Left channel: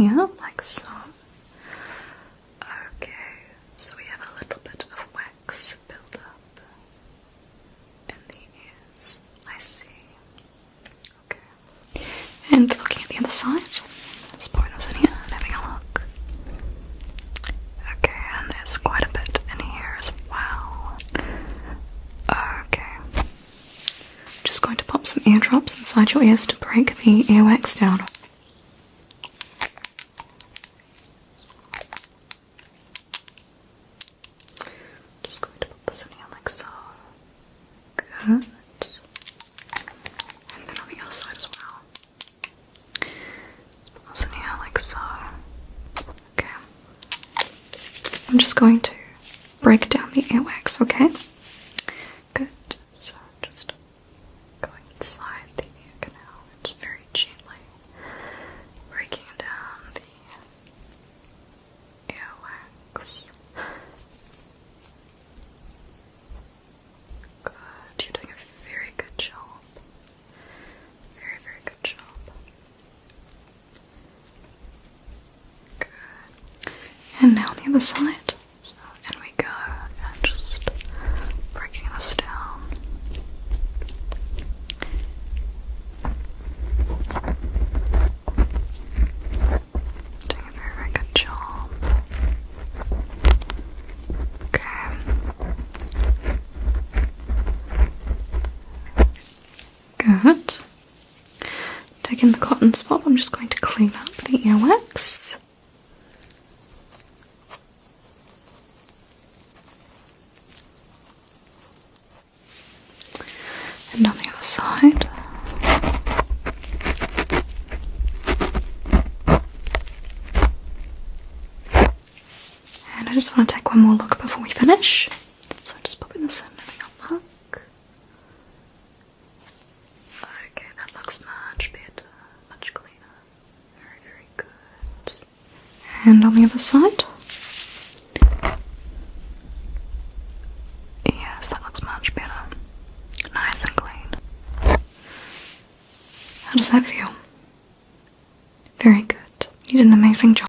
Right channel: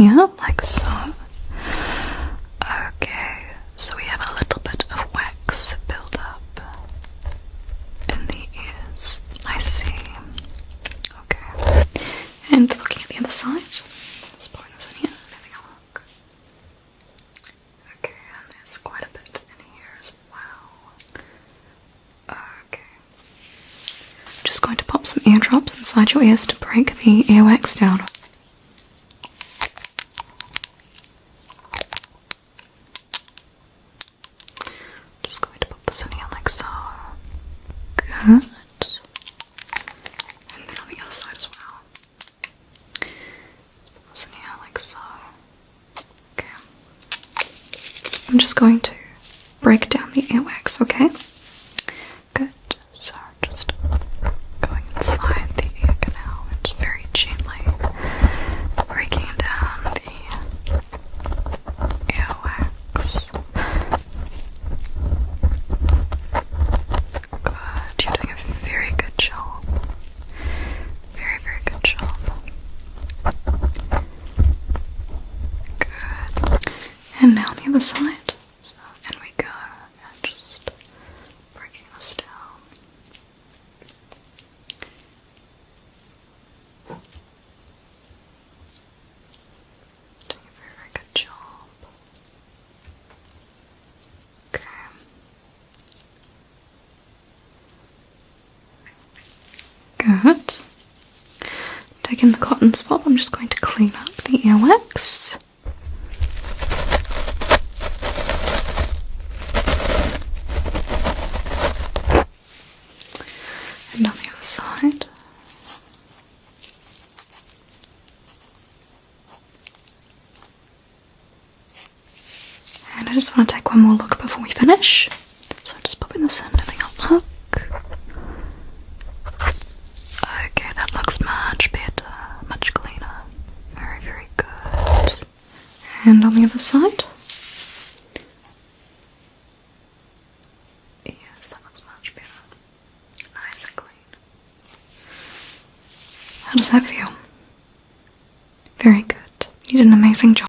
here, like so. Okay, so we have a little bit of wax build up in the ears. I see. Okay. And looking at the other side, let's put this in here and having a look. Okay, and there's quite a bit in here as well. Okay. Just going to pop some eardrops inside your ears to break the earwax down. Just going to pop this in here like so. Good. And then on the other side as well. Pop this in here like so. Okay. I'm just going to break down the earwax, okay? Good. So just going inside the ear canal and just very gently breaking down the earwax. Good. You're doing a very good job. Very, very good job. Good. And now on the other side. So, in we go. And just breaking this down. Doing a very, very good job. Okay. Good. Taking the cotton swab, I'm just going to clean up the earwax. And on the other side. And I just want to take one more look before we finish. So I'm just popping this in, having a look. Okay, that looks much better, much cleaner. Very, very good. And on the other side. Yes, that looks much better. Nice and clean. How does that feel? Very good. You did an amazing job.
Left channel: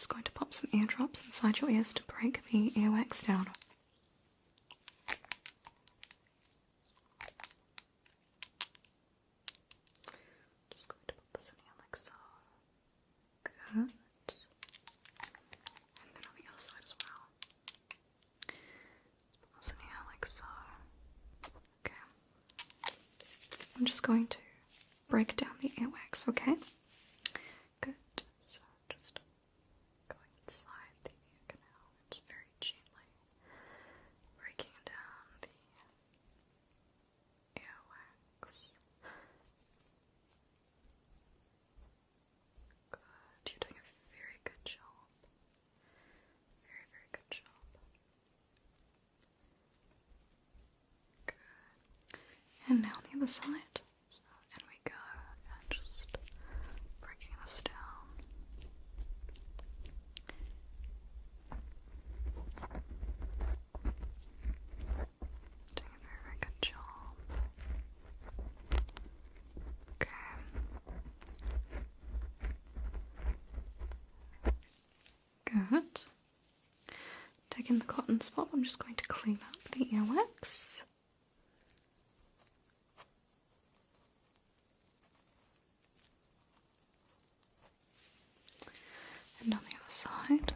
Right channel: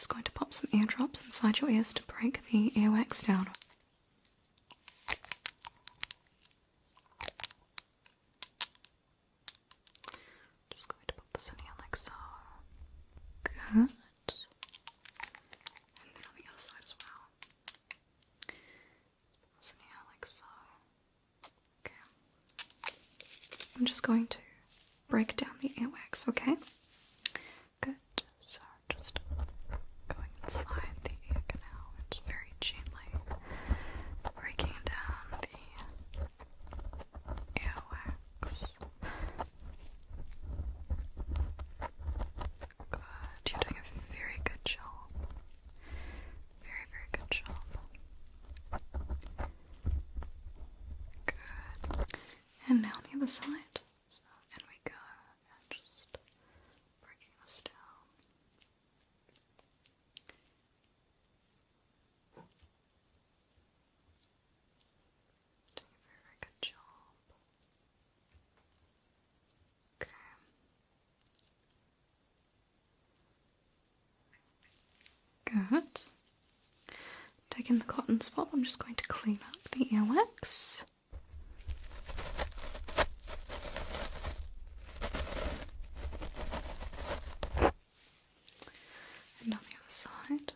just going to pop some eardrops inside your ears to break the earwax down. Just going to pop this in here like so. Good. And then on the other side as well. Pop this in here like so. Okay. I'm just going to break down the earwax, okay? Good. So just going inside the ear canal and just very gently breaking down the earwax. Good. You're doing a very good job. Very, very good job. Good. And now on the other side. So, and we go and just breaking this down. Doing a very, very good job. Okay. Good. Taking the cotton swab, I'm just going to clean up the earwax. And on the other side.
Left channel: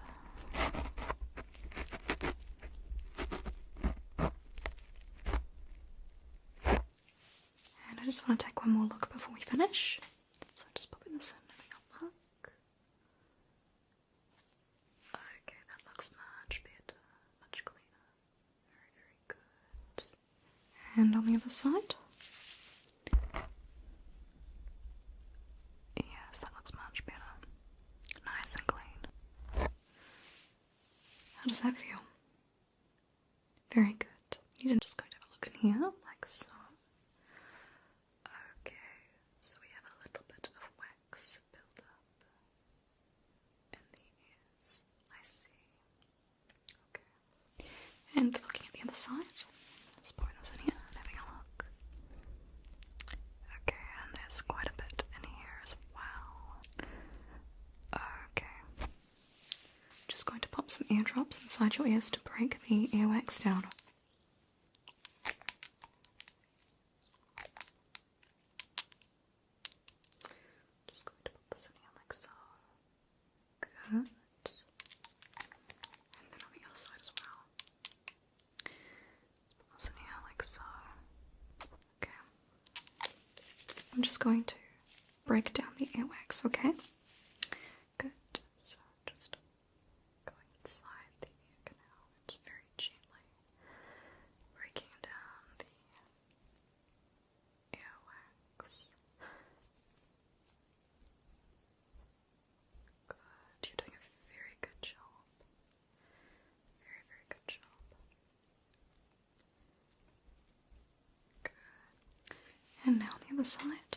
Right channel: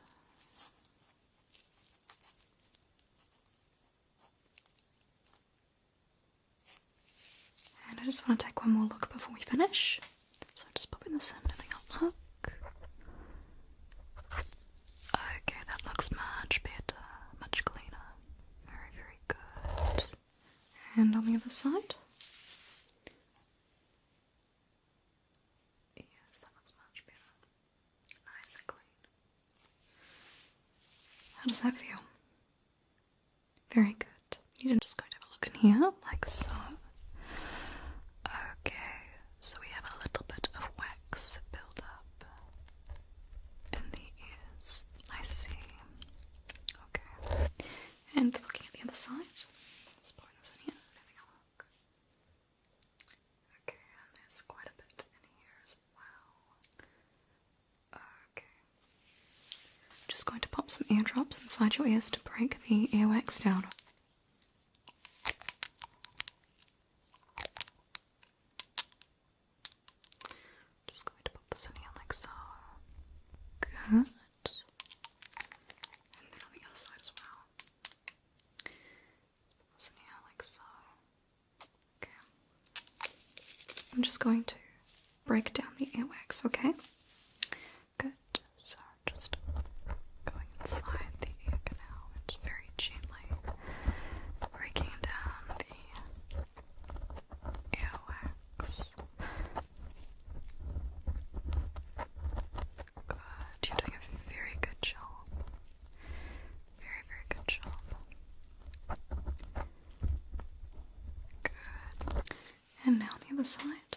And I just want to take one more look before we finish. So just popping this in, having a look. Okay, that looks much better, much cleaner. Very, very good. And on the other side. Yes, that looks much better. Nice and clean. How does that feel? Very good. You're just going to have a look in here, like so. Okay, so we have a little bit of wax build up in the ears. I see. Okay. And looking at the other side. Let's pour this in here and having a look. Okay, and there's quite a bit in here as well. Okay. Just going to pop some eardrops inside your ears to break the earwax down. Just going to pop this in here like so. Good. And then on the other side as well. Pop this in here like so. Okay. I'm just going to break down the earwax, okay? Good. So just going inside the ear canal and just very gently breaking down the earwax. Good. You're doing a very good job. Very, very good job. Good. And now on the other side.